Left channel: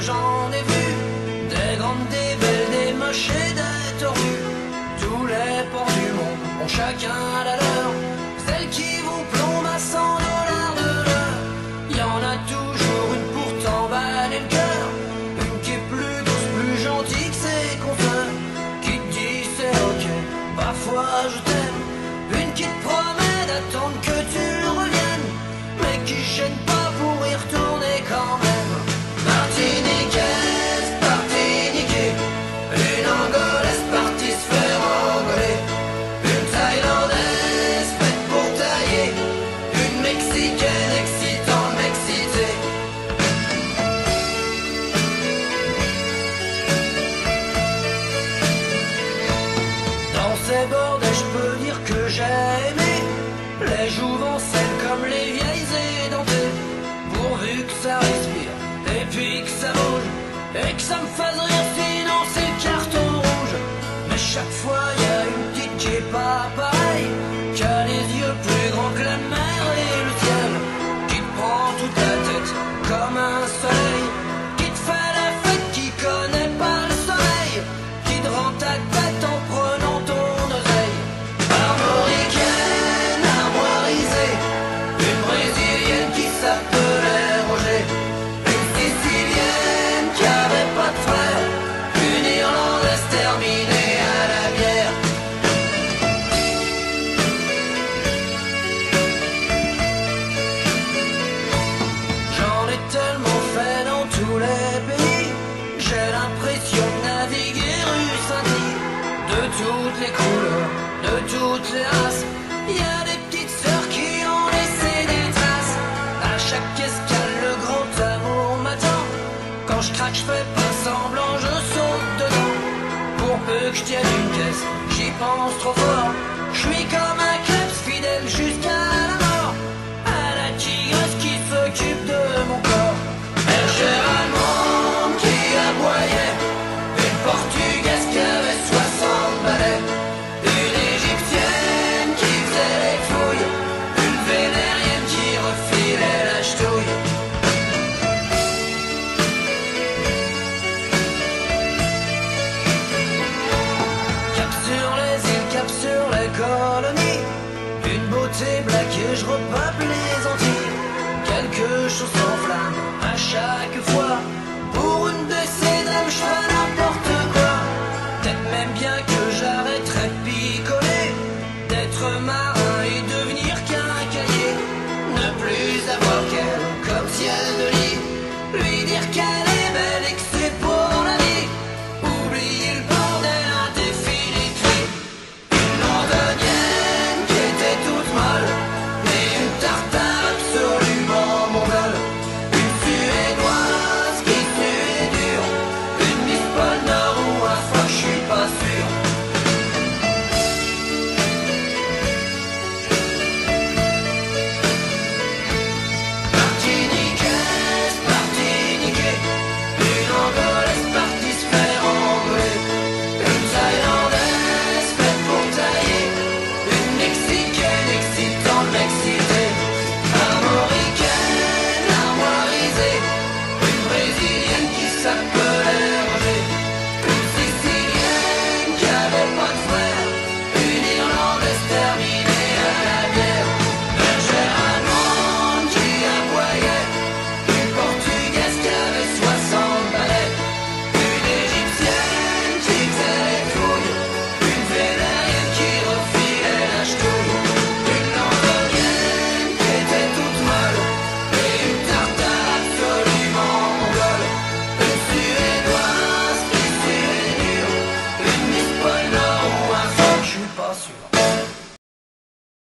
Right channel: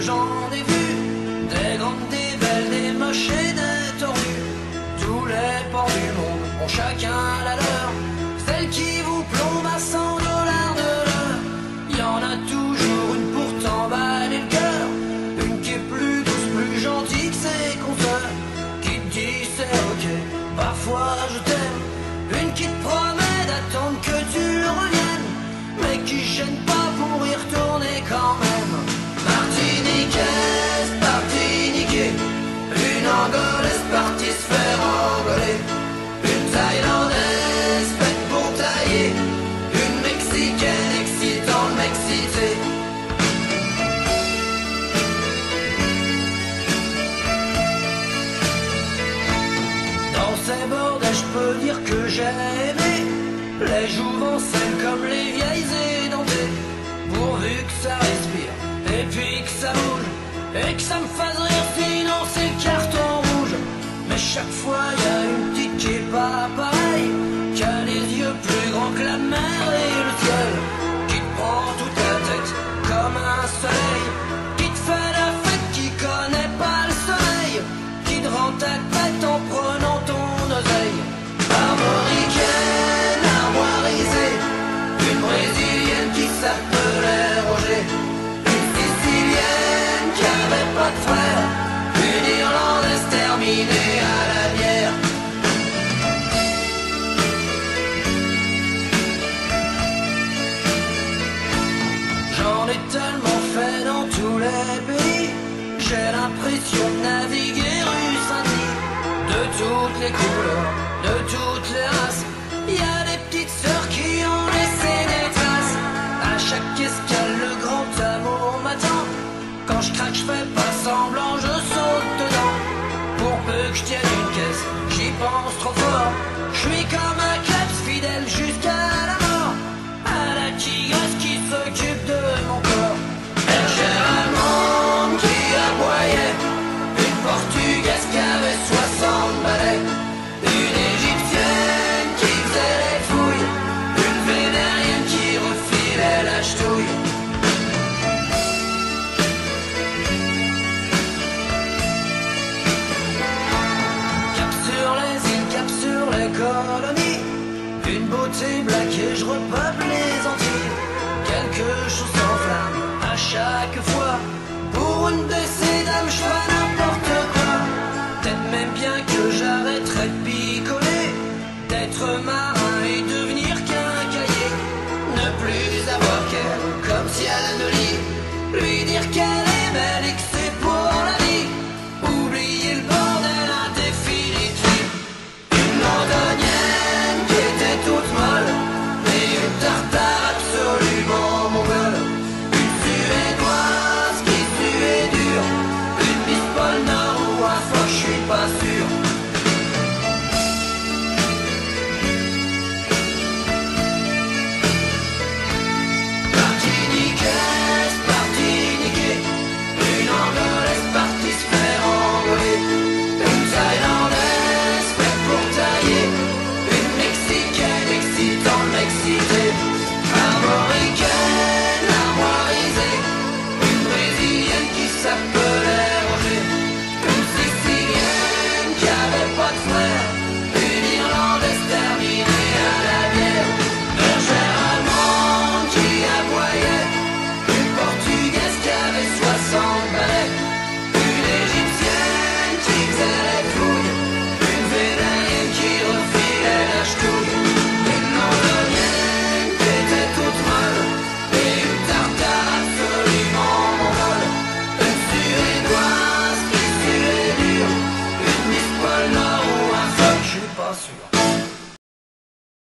j'en ai vu, des grandes, des belles, des moches et des tordues. Tous les ports du monde ont chacun la leur, celle qui vous plombe à 100 dollars de l'heure. Y en a toujours une pour t'emballer le cœur, une qui est plus douce, plus gentille que ses consoeurs, qui te dit c'est ok, parfois je t'aime, une qui te promet d'attendre que tu reviennes, mais qui gêne pas pour y retourner quand même. Martiniquaise, Martiniquais, une Angolaise partie se faire engoler, une Thaïlandaise faite pour tailler, une Mexicaine excitant le Mexité. Dans ces bordels, je peux dire que j'ai aimé les jouvencelles comme les vieilles édentées, pourvu que ça respire et puis que ça bouge et que ça me fasse rire, sinon c'est le carton rouge. Mais chaque fois y a une petite qui est pas pareille, qui a les yeux plus grands que la mer et le ciel, qui te prend toute la tête comme un soleil, qui te fait la fête, qui connaît pas le sommeil, qui te rend ta tête en prenant ton oseille. Armoricaine, armoirisée, une brésilienne qui s'appelait Roger, une sicilienne qui avait pas de frère, une irlandaise terminée à la bière. J'en ai tellement fait dans tous les pays, j'ai l'impression de naviguer rue Saint-Denis. De toutes les couleurs, de toutes les races, y a des petites sœurs qui ont laissé des traces. À chaque escale, le grand amour m'attend. Quand je craque, je fais pas semblant, je saute dedans. Pour peu que je tienne une caisse, j'y pense trop fort. Je suis comme un kleps fidèle jusqu'à la mort, à la tigresse qui s'occupe de mon corps. Bergère allemande qui aboyait, une portugaise qui avait 60 balais, une égyptienne qui faisait les fouilles, une vénérienne qui refilait la ch'touille. Cap sur les îles, cap sur les colonies, une beauté black et je repeuple les Antilles. Quelque chose s'enflamme à chaque fois, pour une de ces dames je ferai n'importe quoi. Peut-être même bien que j'arrêterai de picoler, d'être marin et devenir quincaillier, ne plus avoir qu'elle comme si elle ne lit, lui dire qu'elle